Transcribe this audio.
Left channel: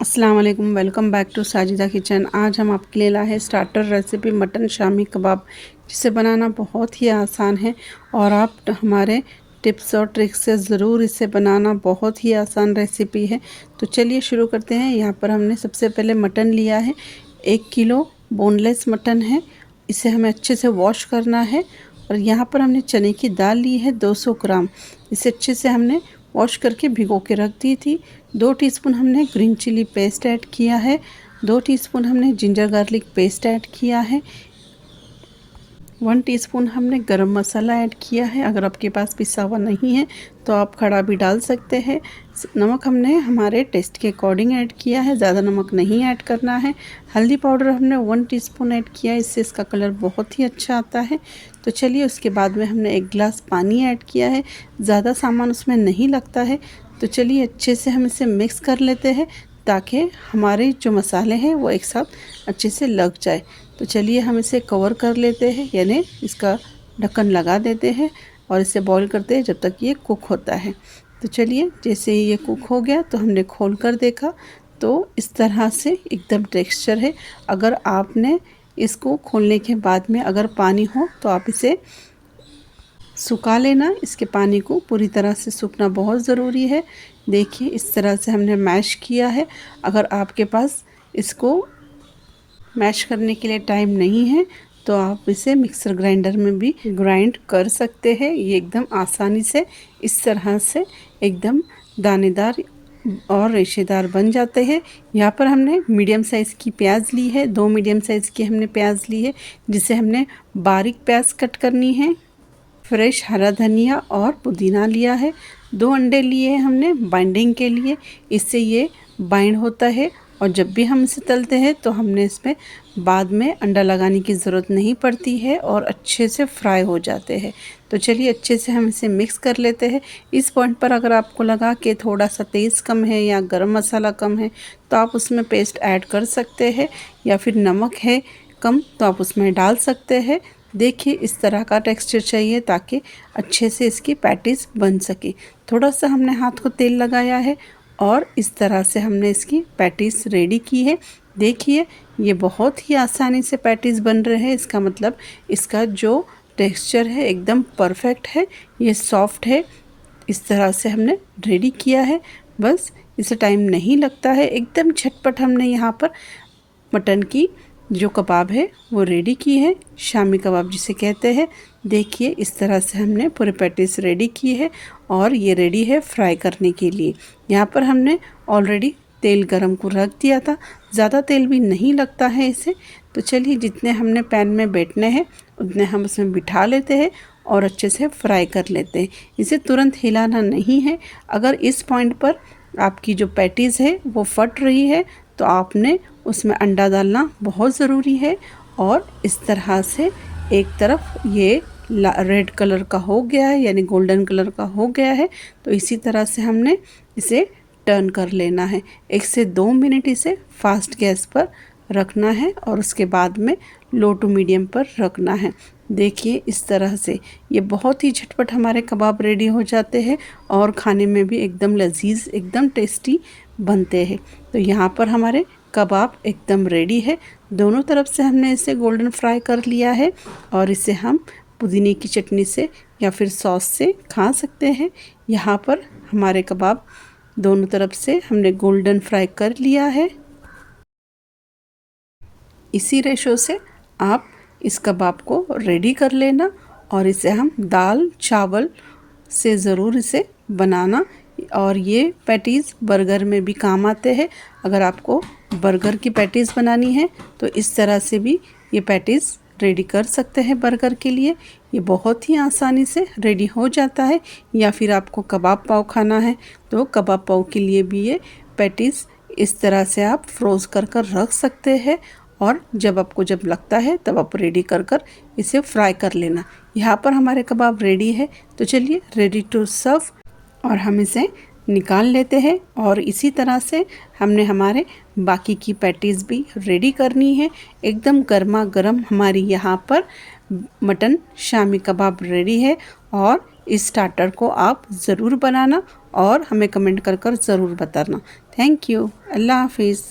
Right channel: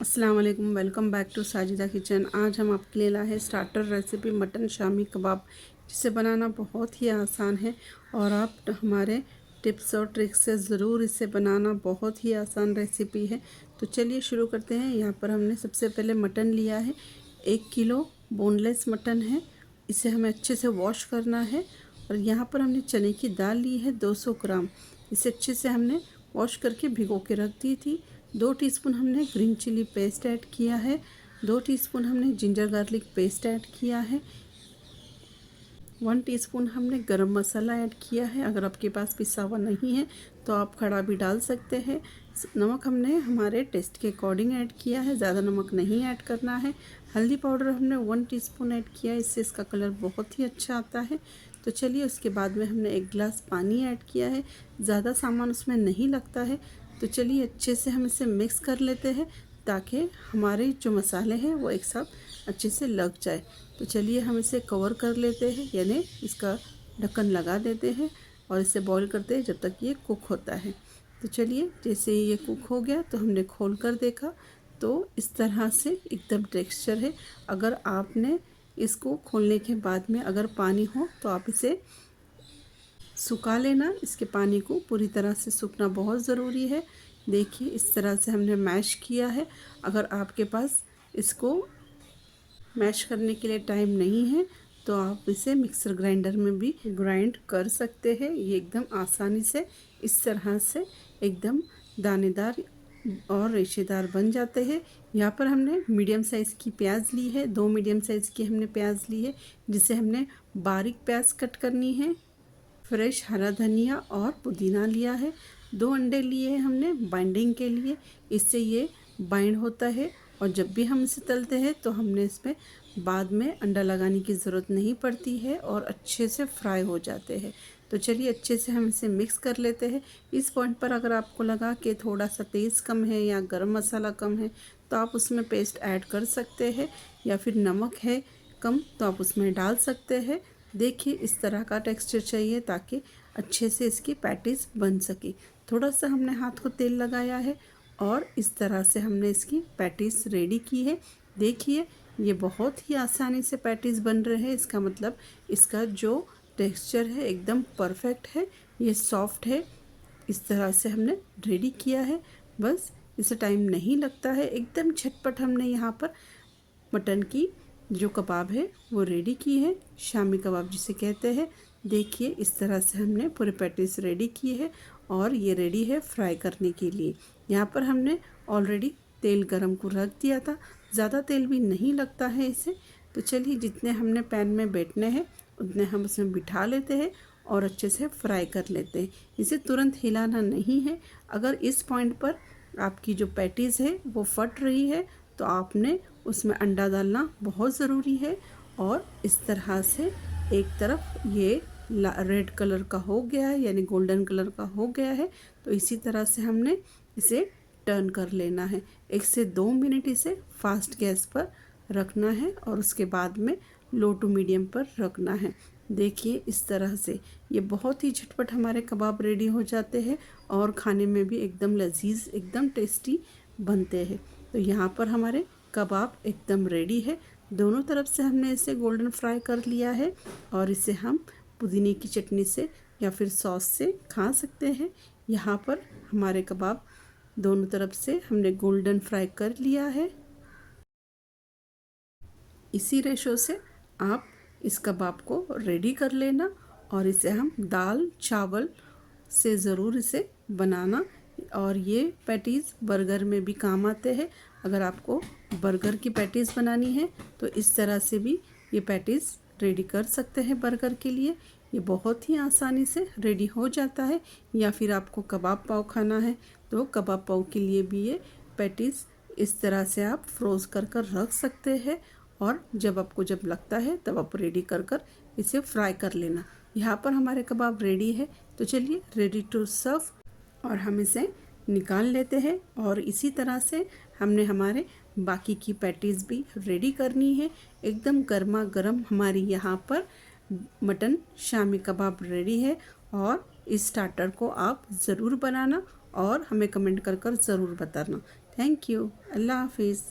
अस्सलाम वालेकुम, welcome back to Sajida kitchen. आज हम आपके लिए लाए हैं starter recipe mutton shami kebab, जिसे बनाना बहुत ही आसान है और आप हमारे टिप्स और ट्रिक्स से ज़रूर इसे बनाना। बहुत ही आसान रेसिपी है। तो चलिए शुरू करते हैं। यहाँ पर हमने सबसे पहले मटन लिया है, 1 किलो बोनलेस मटन है। इसे हमें अच्छे से वॉश करना है। और यहाँ पर हमने चने की दाल ली है 200 ग्राम। इसे अच्छे से हमने वॉश करके भिगो के रख दी थी। 2 टीस्पून हमने ग्रीन चिली पेस्ट ऐड किया है। 2 टीस्पून हमने जिंजर गार्लिक पेस्ट ऐड किया है। 1 टीस्पून हमने गरम मसाला ऐड किया है। अगर आपके पास पिसा हुआ नहीं है तो आप खड़ा भी डाल सकते हैं। नमक हमने हमारे टेस्ट के अकॉर्डिंग ऐड किया है, ज़्यादा नमक नहीं ऐड करना है। हल्दी पाउडर हमने 1 टीस्पून ऐड किया है, इससे इसका कलर बहुत ही अच्छा आता है। तो चलिए उसके बाद में हमने 1 गिलास पानी ऐड किया है। ज़्यादा सामान उसमें नहीं लगता है। तो चलिए अच्छे से हम इसे मिक्स कर लेते हैं ताकि हमारे जो मसाले हैं वो एक साथ अच्छे से लग जाए। तो चलिए हम इसे कवर कर लेते हैं, यानी इसका ढक्कन लगा देते हैं और इसे बॉईल करते हैं जब तक ये कुक होता है। तो चलिए जैसे ही ये कुक हो गया तो हमने खोल कर देखा तो इस तरह से एकदम टेक्सचर है। अगर आपने इसको खोलने के बाद में अगर पानी हो तो आप इसे सुखा लेना। इसके पानी को पूरी तरह से सूखना बहुत ज़रूरी है। देखिए इस तरह से हमने मैश किया है। अगर आपके पास इसको मैश करने के लिए टाइम नहीं है तो आप इसे मिक्सर ग्राइंडर में भी ग्राइंड कर सकते हैं। ये एकदम आसानी से इस तरह से एकदम दानेदार और रेशेदार बन जाते हैं। यहाँ पर हमने मीडियम साइज़ की प्याज ली है, 2 मीडियम साइज़ की हमने प्याज ली है, जिसे हमने बारीक प्याज कट करनी है। फ्रेश हरा धनिया और पुदीना लिया है। 2 अंडे लिए हैं हमने बाइंडिंग के लिए, इससे ये बाइंड होता है और जब भी हम इसे तलते हैं तो हमने इसमें बाद में अंडा लगाने की ज़रूरत नहीं पड़ती है और अच्छे से फ्राई हो जाते हैं। तो चलिए अच्छे से हम इसे मिक्स कर लेते हैं। इस पॉइंट पर अगर आपको लगा कि थोड़ा सा तेज़ कम है या गरम मसाला कम है तो आप उसमें पेस्ट ऐड कर सकते हैं, या फिर नमक है कम तो आप उसमें डाल सकते हैं। देखिए इस तरह का टेक्सचर चाहिए ताकि अच्छे से इसकी पैटीज़ बन सके। थोड़ा सा हमने हाथ को तेल लगाया है और इस तरह से हमने इसकी पैटीज़ रेडी की है। देखिए ये बहुत ही आसानी से पैटीज़ बन रहे हैं। इसका मतलब इसका जो टेक्सचर है एकदम परफेक्ट है, ये सॉफ्ट है। इस तरह से हमने रेडी किया है। बस इसे टाइम नहीं लगता है, एकदम झटपट हमने यहाँ पर मटन की जो कबाब है वो रेडी की है, शामी कबाब जिसे कहते हैं। देखिए इस तरह से हमने पूरे पैटीज रेडी की है और ये रेडी है फ्राई करने के लिए। यहाँ पर हमने ऑलरेडी तेल गरम को रख दिया था, ज़्यादा तेल भी नहीं लगता है इसे। तो चलिए जितने हमने पैन में बैठने हैं उतने हम उसमें बिठा लेते हैं और अच्छे से फ्राई कर लेते हैं। इसे तुरंत हिलाना नहीं है। अगर इस पॉइंट पर आपकी जो पैटीज़ है वो फट रही है तो आपने उसमें अंडा डालना बहुत ज़रूरी है। और इस तरह से एक तरफ ये रेड कलर का हो गया है, यानी गोल्डन कलर का हो गया है, तो इसी तरह से हमने इसे टर्न कर लेना है। 1 से 2 मिनट इसे फास्ट गैस पर रखना है और उसके बाद में लो टू मीडियम पर रखना है। देखिए इस तरह से ये बहुत ही झटपट हमारे कबाब रेडी हो जाते हैं और खाने में भी एकदम लजीज, एकदम टेस्टी बनते हैं। तो यहाँ पर हमारे कबाब एकदम रेडी है। दोनों तरफ से हमने इसे गोल्डन फ्राई कर लिया है और इसे हम पुदीने की चटनी से या फिर सॉस से खा सकते हैं। यहाँ पर हमारे कबाब दोनों तरफ से हमने गोल्डन फ्राई कर लिया है। इसी रेशो से आप इस कबाब को रेडी कर लेना और इसे हम दाल चावल से ज़रूर इसे बनाना। और ये पैटीज़ बर्गर में भी काम आते हैं। अगर आपको बर्गर की पैटीज़ बनानी है तो इस तरह से भी ये पैटीज़ रेडी कर सकते हैं बर्गर के लिए। ये बहुत ही आसानी से रेडी हो जाता है। या फिर आपको कबाब पाव खाना है तो कबाब पाव के लिए भी ये पैटीज़ इस तरह से आप फ्रोज़ कर कर रख सकते हैं और जब आपको जब लगता है तब आप रेडी कर कर इसे फ्राई कर लेना। यहाँ पर हमारे कबाब रेडी है। तो चलिए रेडी टू सर्व और हम इसे निकाल लेते हैं। और इसी तरह से हमने हमारे बाकी की पैटीज़ भी रेडी करनी है। एकदम गर्मा गर्म हमारी यहाँ पर मटन शामी कबाब रेडी है और इस स्टार्टर को आप ज़रूर बनाना और हमें कमेंट कर कर ज़रूर बताना। Thank you. अल्लाह हाफिज़।